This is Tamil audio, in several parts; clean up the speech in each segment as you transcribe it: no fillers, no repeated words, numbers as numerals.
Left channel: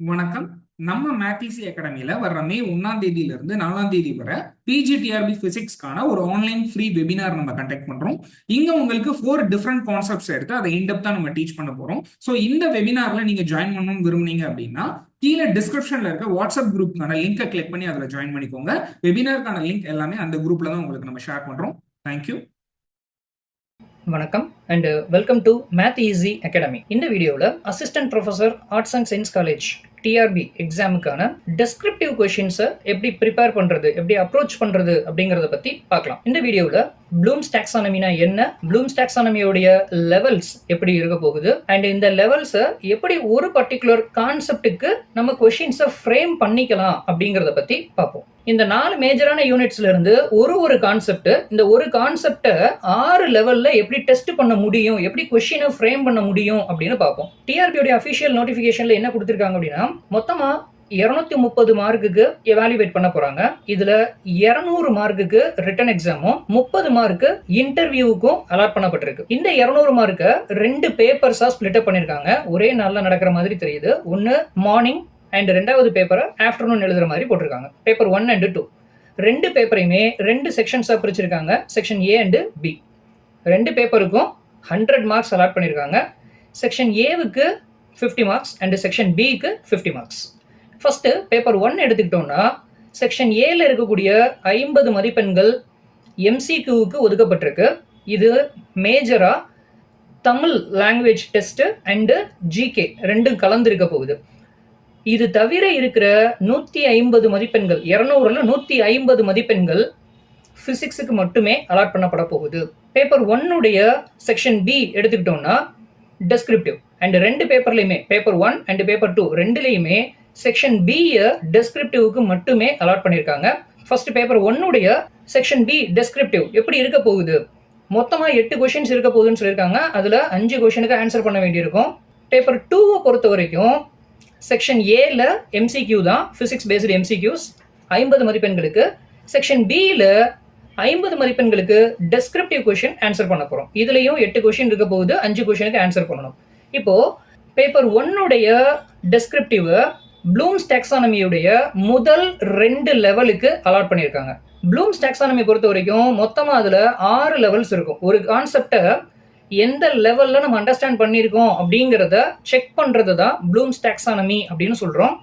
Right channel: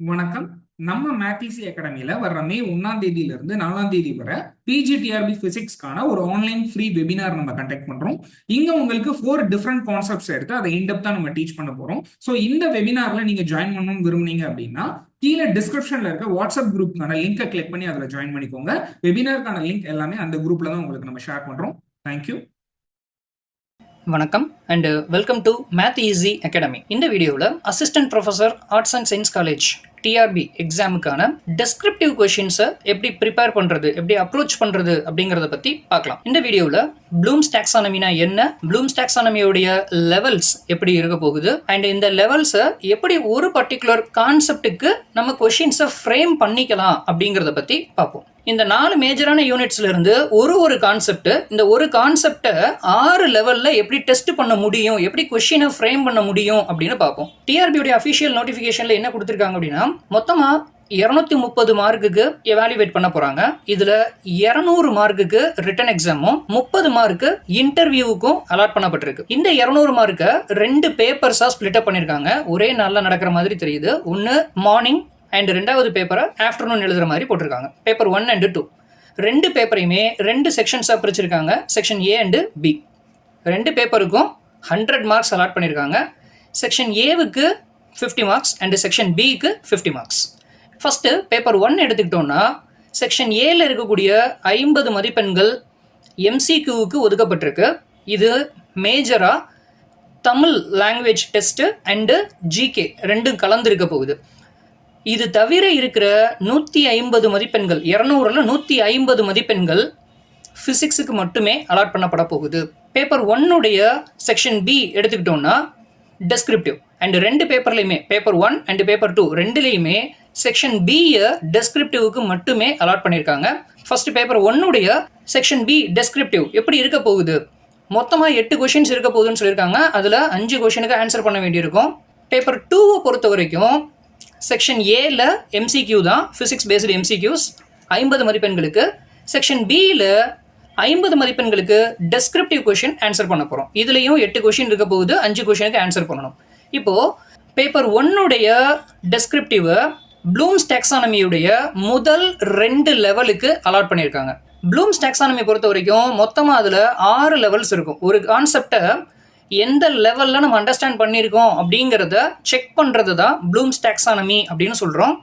வணக்கம். நம்ம மேத்சி அகாடமியில வர்ற மே 1ஆம் தேதியில இருந்து 4ஆம் தேதி வரை பிஜிடிஆர்பி பிசிக்ஸ்க்கான ஒரு ஆன்லைன் ஃப்ரீ வெபினார் நம்ம கண்டக்ட் பண்றோம். இங்க உங்களுக்கு 4 டிஃப்ரெண்ட் கான்செப்ட்ஸ் எடுத்து அதை இன்டெப்தா நம்ம டீச் பண்ண போறோம். ஸோ இந்த வெபினார்ல நீங்க ஜாயின் பண்ணணும்னு விரும்புனீங்க அப்படின்னா கீழே டிஸ்கிரிப்ஷன்ல இருக்க வாட்ஸ்அப் குரூப்க்கான லிங்கை கிளிக் பண்ணி அதில் ஜாயின் பண்ணிக்கோங்க. வெபினாருக்கான லிங்க் எல்லாமே அந்த குரூப்ல தான் உங்களுக்கு நம்ம ஷேர் பண்றோம். தேங்க்யூ. வணக்கம் and welcome to math easy academy. இந்த வீடியோவில் assistant professor arts and science college TRB எக்ஸாமுக்கான டெஸ்கிரிப்டிவ் கொஷின்ஸை எப்படி ப்ரிப்பேர் பண்ணுறது, எப்படி அப்ரோச் பண்ணுறது அப்படிங்கிறத பற்றி பார்க்கலாம். இந்த வீடியோவில் ப்ளூம்ஸ் டாக்ஸானமினா என்ன, ப்ளூம்ஸ் டாக்ஸானமியோடைய லெவல்ஸ் எப்படி இருக்க போகுது, அண்ட் இந்த லெவல்ஸை எப்படி ஒரு பர்டிகுலர் கான்செப்டுக்கு நம்ம கொஷின்ஸை ஃப்ரேம் பண்ணிக்கலாம் அப்படிங்கிறத பற்றி பார்ப்போம். இந்த 4 மேஜரான யூனிட்ஸ்ல இருந்து ஒரு கான்செப்ட், இந்த ஒரு கான்செப்டை 6 லெவல்ல எப்படி டெஸ்ட் பண்ண முடியும், எப்படி கொஸ்டினை ஃப்ரேம் பண்ண முடியும் அப்படின்னு பார்ப்போம். டிஆர்பியோட அஃபிஷியல் நோட்டிஃபிகேஷன்ல என்ன கொடுத்துருக்காங்க அப்படின்னா, மொத்தமா 230 மார்க்குக்கு எவாலுவேட் பண்ண போறாங்க. இதுல 200 மார்க்குக்கு ரிட்டன் எக்ஸாமும் 30 மார்க்கு இன்டர்வியூவுக்கும் அலாட் பண்ணப்பட்டிருக்கு. இந்த 200 மார்க்கை 2 பேப்பர்ஸா ஸ்பிளிட் அப் பண்ணிருக்காங்க. ஒரே நாள்ல நடக்கிற மாதிரி தெரியுது. ஒன்னு மார்னிங் அண்ட் 2வது பேப்பரை ஆஃப்டர்நூன் எழுதுற மாதிரி போட்டிருக்காங்க. பேப்பர் 1 and 2 2 பேப்பரையுமே 2 செக்ஷன்ஸாக பிரிச்சிருக்காங்க. Section A and B. 2 பேப்பருக்கும் 100 மார்க்ஸ் அலாட் பண்ணியிருக்காங்க. செக்ஷன் ஏவுக்கு 50 மார்க்ஸ் அண்டு செக்ஷன் பிக்கு 50 மார்க்ஸ். ஃபஸ்ட்டு பேப்பர் 1 எடுத்துக்கிட்டோம்னா, செக்ஷன் ஏல இருக்கக்கூடிய 50 மதிப்பெண்கள் எம்சிக்யூவுக்கு ஒதுக்கப்பட்டிருக்கு. இது மேஜராக Tamil language test and GK ரெண்டும் கலந்துருக்க போகுது. இது தவிர இருக்கிற 150 மதிப்பெண்கள், 200ல் 150 மதிப்பெண்கள் ஃபிசிக்ஸுக்கு மட்டுமே அலாட் பண்ணப்பட போகுது. பேப்பர் 1உடைய செக்ஷன் பி எடுத்துக்கிட்டோம்னா டெஸ்கிரிப்டிவ், அண்ட் 2 பேப்பர்லையுமே பேப்பர் 1 அண்ட் பேப்பர் 2 ரெண்டுலேயுமே செக்ஷன் பியை டெஸ்கிரிப்டிவ்க்கு மட்டுமே அலாட் பண்ணியிருக்காங்க. ஃபர்ஸ்ட் பேப்பர் 1உடைய செக்ஷன் பி டெஸ்கிரிப்டிவ் எப்படி இருக்க போகுது, மொத்தமாக 8 கொஷின்ஸ் இருக்க போகுதுன்னு சொல்லியிருக்காங்க. அதில் 5 கொஷினுக்கு ஆன்சர் பண்ண வேண்டியிருக்கும். பேப்பர் 2வை பொறுத்த வரைக்கும் செக்ஷன் ஏல எம்சிக்யூ தான், ஃபிசிக்ஸ் பேஸ்டு எம்சிக்யூஸ் 50 மதிப்பெண்களுக்கு. செக்ஷன் பியில் 50 மதிப்பெண்களுக்கு டெஸ்கிரிப்டிவ் கொஷின் ஆன்சர் பண்ண போகிறோம். இதுலேயும் 8 கொஷின் இருக்க போகுது, 5 கொஷினுக்கு ஆன்சர் பண்ணணும். இப்போது பேப்பர் 1உடைய டெஸ்கிரிப்டிவை ப்ளூம்ஸ் டாக்ஸானமியுடைய முதல் 2 லெவலுக்கு அலாட் பண்ணியிருக்காங்க. ப்ளூம்ஸ் டாக்ஸானமி பொறுத்த வரைக்கும் மொத்தமாக அதில் 6 லெவல்ஸ் இருக்கும். ஒரு கான்செப்டை எந்த லெவலில் நம்ம அண்டர்ஸ்டாண்ட் பண்ணியிருக்கோம் அப்படிங்கிறத செக் பண்ணுறது தான் ப்ளூம்ஸ் டாக்ஸானமி அப்படின்னு சொல்கிறோம்.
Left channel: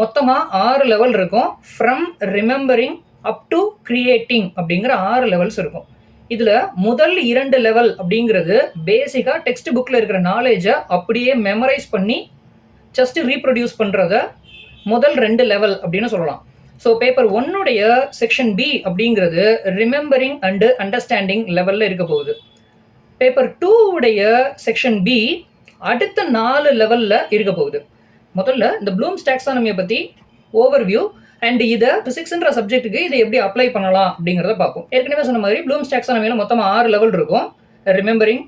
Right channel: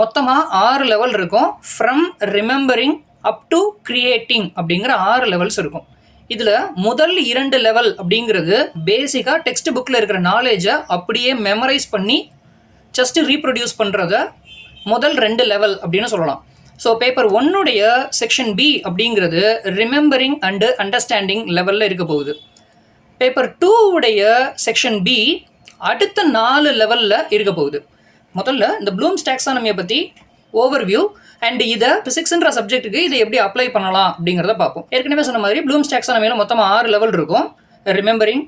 மொத்தமாக 6 லெவல் இருக்கும். From remembering up to creating அப்படிங்கிற 6 லெவல்ஸ் இருக்கும். இதில் முதல் 2 லெவல் அப்படிங்கிறது பேசிக்காக டெக்ஸ்ட் புக்கில் இருக்கிற நாலேஜை அப்படியே மெமரைஸ் பண்ணி ஜஸ்ட் ரீப்ரொடியூஸ் பண்ணுறத முதல் 2 லெவல் அப்படின்னு சொல்லலாம். ஸோ பேப்பர் 1உடைய செக்ஷன் பி அப்படிங்கிறது ரிமெம்பரிங் அண்டு அண்டர்ஸ்டாண்டிங் லெவலில் இருக்க போகுது. பேப்பர் 2உடைய செக்ஷன் பி அடுத்த 4 லெவலில் இருக்க போகுது. முதல்ல இந்த ப்ளூம்ஸ் டாக்ஸானமியை பற்றி ஓவர்வியூ அண்ட் இதை ஃபிசிக்ஸ்ன்ற சப்ஜெக்ட்டுக்கு இதை எப்படி அப்ளை பண்ணலாம் அப்படிங்கிறத பார்ப்போம். ஏற்கனவே சொன்ன மாதிரி ப்ளூம்ஸ் டாக்ஸானமியில் மொத்தமாக 6 லெவல் இருக்கும். Remembering,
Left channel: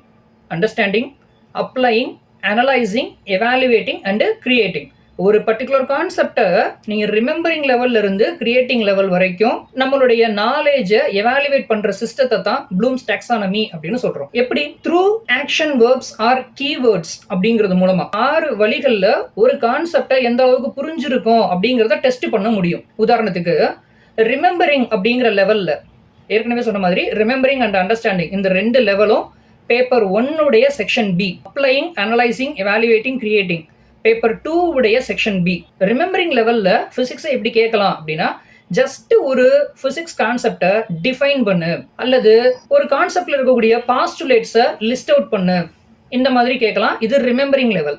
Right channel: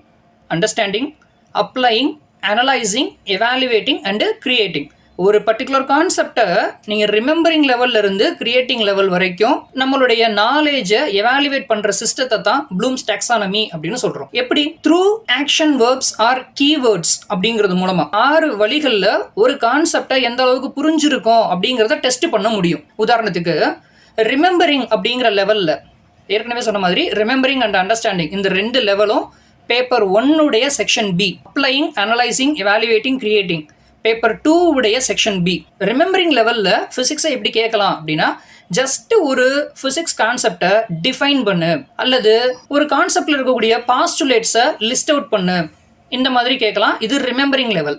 understanding, applying, analysing, evaluating and creating. ஒரு பர்டிகுலர் கான்செப்டை நீங்கள் ரிமெம்பரிங் லெவலில் இருந்து கிரியேட்டிங் லெவல் வரைக்கும் நம்மளுடைய நாலேஜை எவாலுவேட் பண்ணுற சிஸ்டத்தை தான் ப்ளூம்ஸ் டாக்ஸானமி அப்படின்னு சொல்கிறோம். எப்படி? Through action verbs or keywords அப்படிங்கிறது மூலமாக 6 வழிகளில் ஒரு கான்செப்டை எந்த அளவுக்கு புரிஞ்சிருக்கோம் அப்படிங்கிறத டெஸ்ட் பண்ண முடியும். உதாரணத்துக்கு ரிமெம்பரிங் அப்படிங்கிற லெவலில் ஏற்கனவே சொன்ன மாதிரி ரிமெம்பரிங் அண்ட் அண்டர்ஸ்டாண்டிங் இந்த 2 லெவலும் பேப்பர் 1உடைய section B, applying, analysing, evaluating, creating. Paper 2உடைய செக்ஷன் பி ரிமெம்பரிங் லெவலில் ஃபிசிக்ஸை எப்படி கேட்கலாம் அப்படின்னா, ஜஸ்ட் ஒரு ஃபிசிக்ஸ் கான்செப்டை டிஃபைன் பண்ணு, அல்லது ஒரு கான்செப்டில் இருக்கக்கூடிய பாஸ்டுலேட்ஸை லிஸ்ட் அவுட் பண்ணு, இந்த மாதிரி கேட்கலாம். இது ரிமெம்பரிங் லெவல்.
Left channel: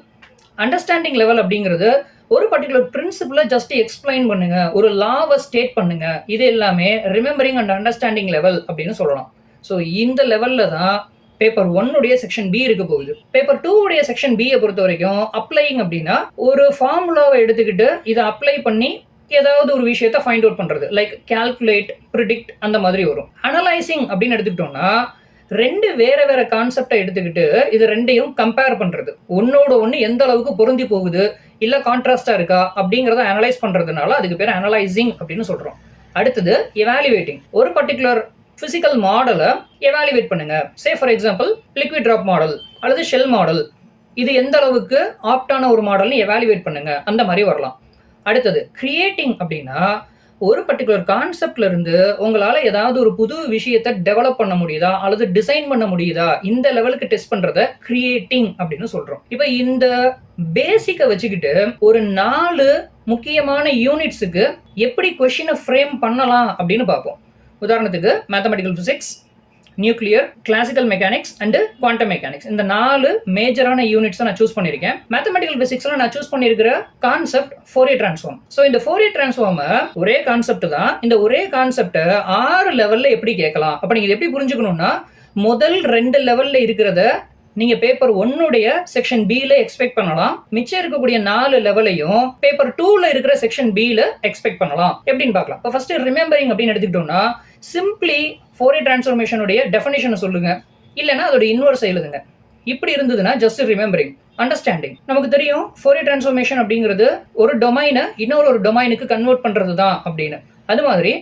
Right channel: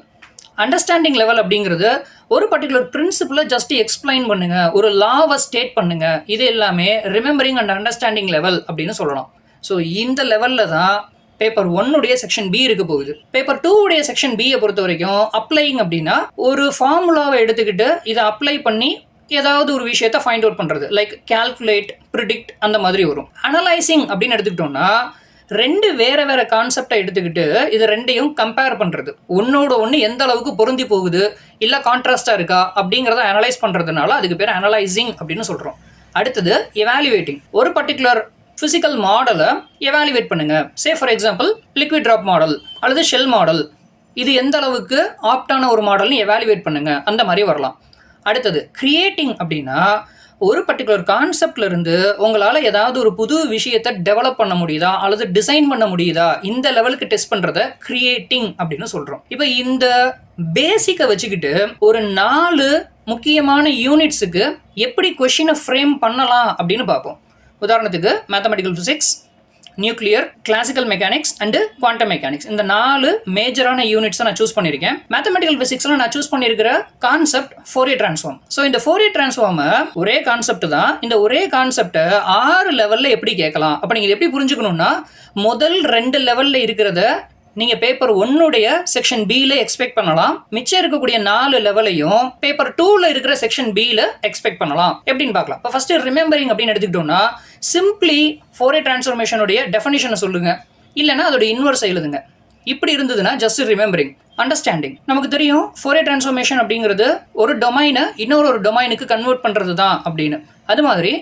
அண்டர்ஸ்டாண்டிங் லெவல் அப்படிங்கிறது ஒரு பர்டிகுலர் பிரின்சிபிளை ஜஸ்ட் எக்ஸ்பிளைன் பண்ணுங்க, ஒரு லாவை ஸ்டேட் பண்ணுங்க. இது எல்லாமே ரிமெம்பரிங் அண்ட் அண்டர்ஸ்டாண்டிங் லெவல் அப்படின்னு சொல்லலாம். ஸோ இந்த லெவலில் தான் பேப்பர் 1உடைய செக்ஷன் பி இருக்க போகுது. பேப்பர் 2உடைய செக்ஷன் பியை பொறுத்த வரைக்கும் அப்ளையிங் அப்படின்னா ஒரு ஃபார்முலாவை எடுத்துக்கிட்டு இதை அப்ளை பண்ணி ஏதாவது ஒரு விஷயத்தை ஃபைண்ட் அவுட் பண்ணுறது, லைக் கால்குலேட், ப்ரிடிக்ட் அந்த மாதிரி வரும். அனலைசிங் அப்படின்னு எடுத்துக்கிட்டோம்னா 2 வேற கான்செப்டை எடுத்துக்கிட்டு இது 2ஐயும் கம்பேர் பண்ணுறது, ஒன்னோட ஒன்று எந்த அளவுக்கு பொருந்தி போகுது, இல்லை கான்ட்ராஸ்டாக இருக்கா அப்படிங்கிறத அனலைஸ் பண்ணுறதுனால அதுக்கு பேர் அனலைசிங் அப்படின்னு சொல்கிறோம். அடுத்தது எவாலுவேட்டிங். ஒரு பர்டிகுலர் ஃபிசிக்கல் மாடலை எவாலுவேட் பண்ணுங்க. Say for example liquid drop model அல்லது ஷெல் மாடல், இது எந்த அளவுக்கு ஆப்டான ஒரு மாடல்னு எவாலுவேட் பண்ணுங்க, அந்த மாதிரி வரலாம். அடுத்தது கிரியேட்டிங் அப்படின்னா ஒரு பர்டிகுலர் கான்செப்ட்ல இருந்து உங்களால் ஏதாவது ஒரு புது விஷயத்தை டெவலப் பண்ண முடியுதா அல்லது டிசைன் பண்ண முடியுதா, இந்த லெவலுக்கு டெஸ்ட் பண்றத கிரியேட்டிங் அப்படின்னு சொல்றோம். இப்போ இந்த பேசிக்கை வச்சுக்கிட்டு ஒரு 4 முக்கியமான யூனிட்ஸுக்கு எப்படி கொஸ்டினை ஃப்ரேம் பண்ணலாம் அப்படின்னு பார்ப்போம். உதாரணத்துக்கு mathematical physics, nuclear, classical mechanics and quantum mechanics, இந்த 4 மேஜரான யூனிட்ஸை நான் சூஸ் பண்ணியிருக்கேன். மேத்தமெட்டிக்கல் ஃபிசிக்ஸ்ல நான் சூஸ் பண்ணியிருக்கிற கான்செப்ட் ஃபோரியர் டிரான்ஸ்ஃபார்ம். ஸோ இந்த ஃபோரியர் டிரான்ஸ்ஃபார்ம் ஒரே கான்செப்ட் தான். இந்த ஒரே கான்செப்டை 6 லெவலில் எப்படி கேட்கலாம் அப்போ நீங்கள் எப்படி புரிஞ்சுக்கணும்னா, முதல் 2 லெவலில் இருக்கிறத நீங்கள் பேப்பர் 1 செக்ஷன் பியில் எக்ஸ்பெக்ட் பண்ணலாம். மிச்சம் இருக்கக்கூடிய 4 லெவலையும் பேப்பர் 2 இருக்கிற செக்ஷன் பியில் எக்ஸ்பெக்ட் பண்ணலாம். எப்படின்னு பார்க்கலாம். இப்போ ஃபர்ஸ்ட் ரிமெம்பரிங் அப்படின்னு எடுத்துக்கிட்டோம்னா, சிம்பிளி ஃபோரியர் டிரான்ஸ்ஃபார்மேஷனுடைய டெஃபினிஷனை சொல்லுங்க, இல்லைன்னா அதோட இன்வர்ஸ் எழுதுங்க. இப்படி இருந்ததுன்னா ஜஸ்ட் ரிமெம்பரிங். அண்டர்ஸ்டாண்டிங் நமக்கு தெரியும், ஃபோரியர் டிரான்ஸ்ஃபார்மேஷன் அப்படிங்கிறது ஒரு டொமைனை இன்னொரு டொமைனுக்கு கன்வெர்ட் பண்ணுறது தான் அப்படின்னு. அது மாதிரி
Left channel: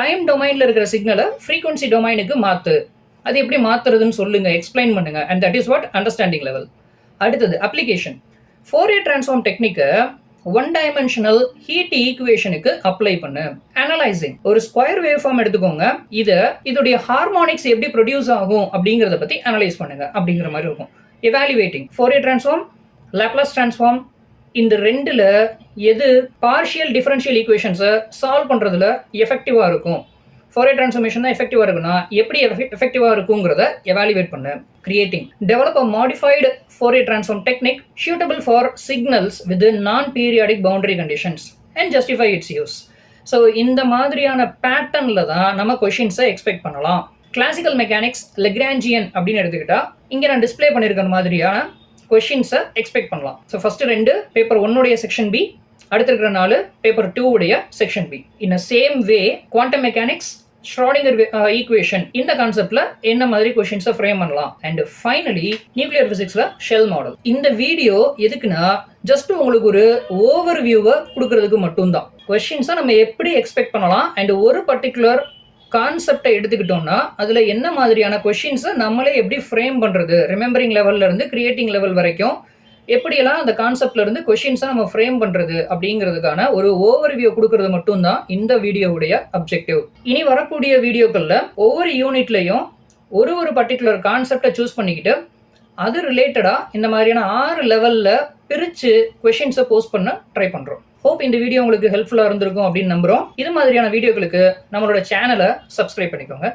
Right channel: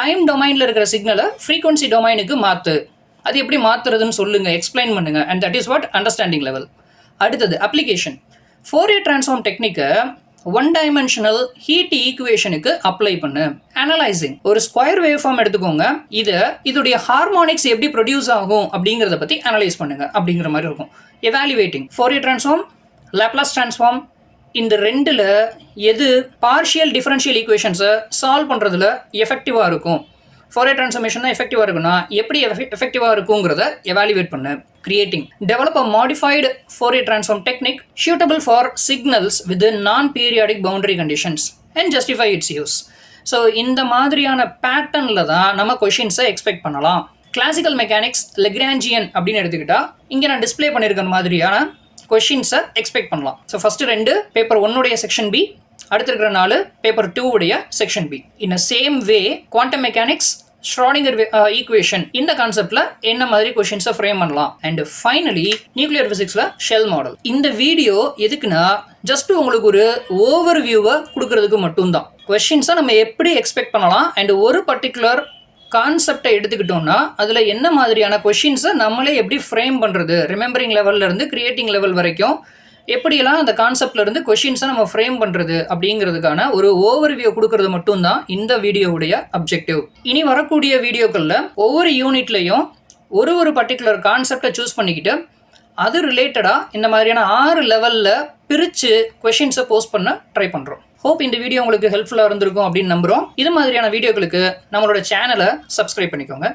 டைம் டொமைனில் இருக்கிற சிக்னலை ஃப்ரீக்வன்சி டொமைனுக்கு மாற்று, அது எப்படி மாற்றுறதுன்னு சொல்லுங்க, எக்ஸ்பிளைன் பண்ணுங்க. And that is what understanding level. அடுத்தது அப்ளிகேஷன். ஃபோரியர் டிரான்ஸ்ஃபார்ம் டெக்னிக்கை 1 டைமென்ஷனல் ஹீட் ஈக்குவேஷனுக்கு அப்ளை பண்ணு. அனலைசிங், ஒரு ஸ்கொயர் வேவ் ஃபார்ம் எடுத்துக்கோங்க, இதோடைய ஹார்மோனிக்ஸ் எப்படி ப்ரொடியூஸ் ஆகும் அப்படிங்கிறத பற்றி அனலைஸ் பண்ணுங்க அப்படிங்கிற மாதிரி இருக்கும். Evaluating, Fourier transform, Laplace transform, இந்த 2ல் எது பார்ஷியல் டிஃபரன்ஷியல் ஈக்குவேஷன்ஸை சால்வ் பண்ணுறதுல எஃபெக்டிவாக இருக்கும். ஃபோரியர் டிரான்ஸ்ஃபார்மேஷன் தான் எஃபெக்டிவாக இருக்குன்னா எப்படி எஃபெக்டிவாக இருக்குங்கிறத எவாலுவேட் பண்ணு. Creating, develop a modified Fourier transform technique suitable for signals with non periodic boundary conditions and justify its use. So இந்த மாதிரியான பேட்டர்னில் தான் நம்ம கொஷின்ஸை எக்ஸ்பெக்ட் பண்ணலாம். கிளாசிக்கல் மெக்கானிக்ஸ், லெக்ராஞ்சியன் அப்படின்னு எடுத்துக்கிட்டா இங்கே நான் டிஸ்பிளே பண்ணியிருக்கிற மாதிரியான கொஷின்ஸை எக்ஸ்பெக்ட் பண்ணலாம். So first 2 paper 1 section B, அடுத்து இருக்கிற 4 paper 2 section B. In a same way quantum mechanics, Schrodinger equation, இந்த கான்செப்ட்ல என்ன மாதிரி கொஸ்டின்ஸை ஃப்ரேம் பண்ணலாம். அண்ட் ஃபைனலி நியூக்ளியர் பிசிக்ஸ்ல ஷெல் மாடல். இந்த வீடியோ எதுக்குன்னா ஜஸ்ட் உங்களுக்கு ஒரு ஓவர் வியூவை கொடுக்கறதுக்கு மட்டும்தான். கொஸ்டின்ஸை நம்ம எப்படி எக்ஸ்பெக்ட் பண்ணலாம் அண்ட் ஒரு பர்டிகுலர் கான்செப்டை எடுத்துக்கிட்டோம்னா அதில் என்ன மாதிரியான கொஸ்டின்ஸை நம்மளே எப்படி ஃப்ரேம் பண்ணுறது, ரிமெம்பரிங் லெவல்ல இருந்து கிரியேட்டிங் லெவல் வரைக்கும் எப்படியெல்லாம் அந்த கான்செப்ட்ல இருந்து கொஸ்டின்ஸை நம்ம ஃப்ரேம் பண்ணுறது அப்படிங்கிறதுக்கான ஒரு ஓவர் வியூ கொடுக்கறது மட்டும்தான் இந்த வீடியோவுடைய அப்ஜெக்டிவ். இனி வரக்கூடிய வீடியோக்களில் ஒவ்வொரு யூனிட்லையும் ஒரு பர்டிகுலர் கான்செப்டை சூஸ் பண்ணிக்கிட்டு அது ரிலேட்டடாக இந்த மாதிரியான 6 லெவலில் பிரித்து கொஸ்டின்ஸை போஸ்ட் பண்ண ட்ரை பண்ணுறோம். ஹோப் இந்த வீடியோ உங்களுக்கு ஹெல்ப்ஃபுல்லாக இருந்திருக்கும் அப்படின்னு நம்புகிறோம். இது மாதிரியான வீடியோக்களுக்கு நம்மளோட சேனலை சப்ஸ்கிரைப் பண்ணிக்கோங்க.